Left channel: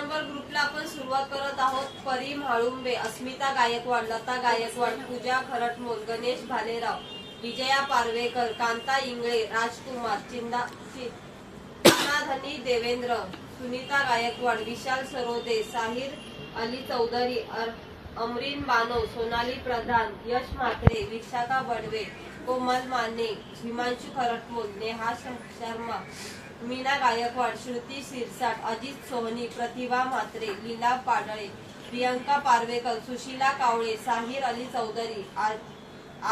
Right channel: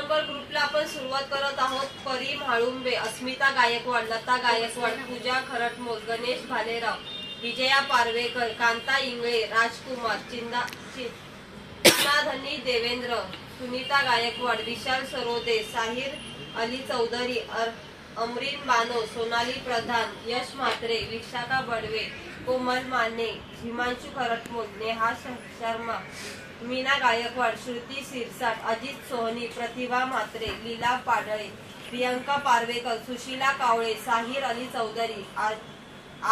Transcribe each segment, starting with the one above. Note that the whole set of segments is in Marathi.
नंबर ग्रुपला आपण सुरुवात करत आहोत. परी म्हाळुंबे, अस्मिता गायकवाड, लता गायकवाड, पूजा खरटमोल, गणेश भालेराव, विजया पारवेकर, कांता इंगळे, राजकुमार चिन्नाधनी देवेंद्र, सुनीता गायकवाड, विशाल सरोदे, साहिर अली चौधरी, अमरीन बानो, सोनाली प्रधान, यश म्हात्रे, विशाखा बडवे, कोमल माने, हिमांशु खरटमोल, नेहा शर्मा, मीना गायकवाड, श्रुती सिरसाट, अजित सोहनी, प्रतिभा म्हात्रे, लीला पाडळे, प्रियंका पारवेकर, सुशीला कावळे, साहिर अली चौधरी,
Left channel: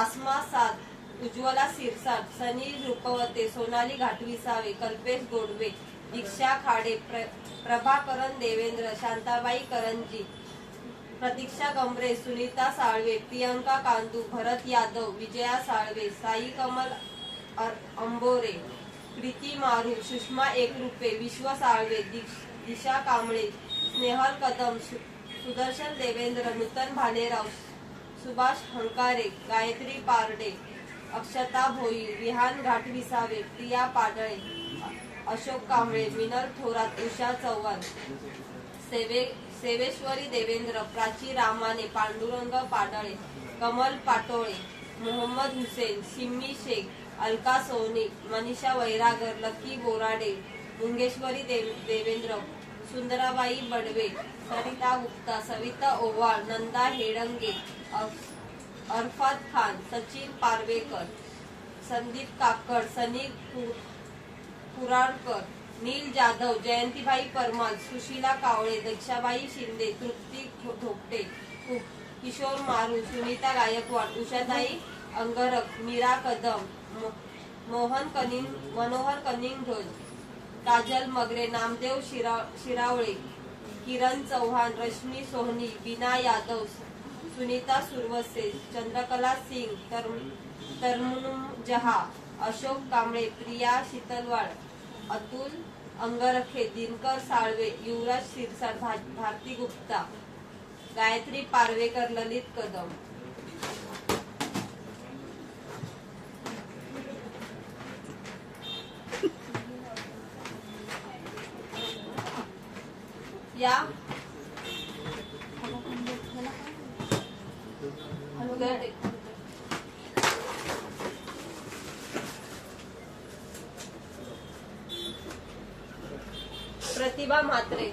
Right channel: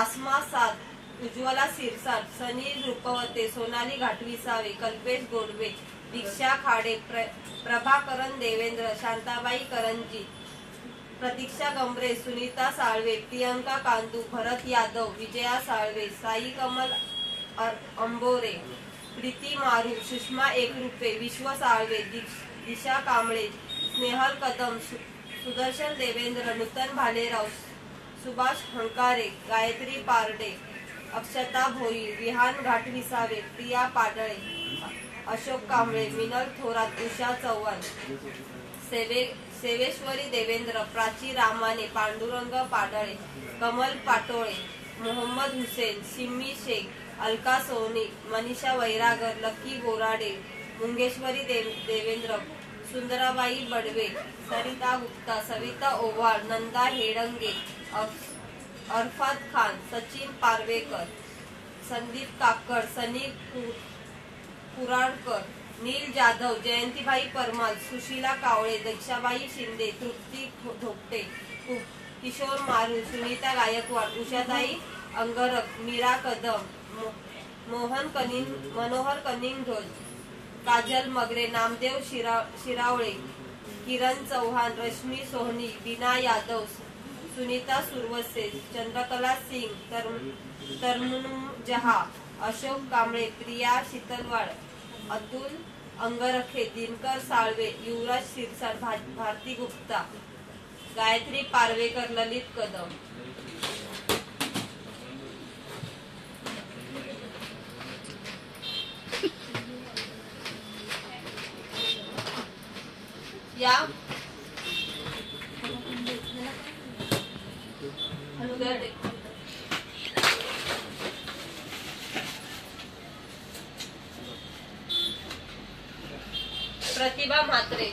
आसमा साद, उज्ज्वला सिरसाट, सनी रुपवते, सोनाली घाटविसावे, कल्पेश गोडवे, दीक्षा खाडे, प्रभाकरण देवेंद्र, शांताबाई करंजी, प्रतीक्षा गंभरे, सुनीता साळवे, प्रियंका कांदू, भरत यादव, विजया साळवे, साई कमल अंबोरे, प्रीती मारू, सुषमा एकरूपे, विश्व साळवे, दिशा कांबळे, स्नेहल कदम, सुदर्शन देवेंद्र, नूतन भालेराव, सुभाष हंकारे, गायत्री पारडे, अक्षता भोई, विहान घाटविसावे, प्रिया पाडळे, अशोक कांबळे, मिनल थोरात, उषा चव्हाण, सेवेश्वरी देवेंद्र, प्राची रामाने, पांडुरंग पाडळे, कमल पाटोळे, मोहम्मद हुसेन, सिम्मी शेख, अलका सोनी, मनीषा वैरागर, लकी बोराडे, मुंगेश्वरी देवेंद्र, सुंदराबाई बडवे, सरिता गुप्ता, सविता ओवाळ, नंदा हेडंगे, अरफात खान, सचिन पारवेकर, संदीप काकड, सनी कुराळकर, नील जाधव, जयंतीबाई परमाल, सुशीला कावळे, दक्षाबाई शिंदे, तृप्ती धोपटे, किशोर मारू, सुनीता गायकवाड, उषाताई अंगरक, मीरा कदम, मनोहर कनिंगढोल, काजल मगरे, नामदेव शिरावळे, किरण चव्हाण, रश्मी सोहनी, बीना यादव, सुनीता सुरवसे, चंद्रकला सिंग, तरमुनुम जहा, अशोक कांबळे, प्रिया शीतलवाड, अतुल अंगरखे, दिनकर साळवे, युवराज सिरसाट, भारती गुप्ता, गायत्री पारवेकर, ललित कदम. या प्रतिभा म्हात्रे,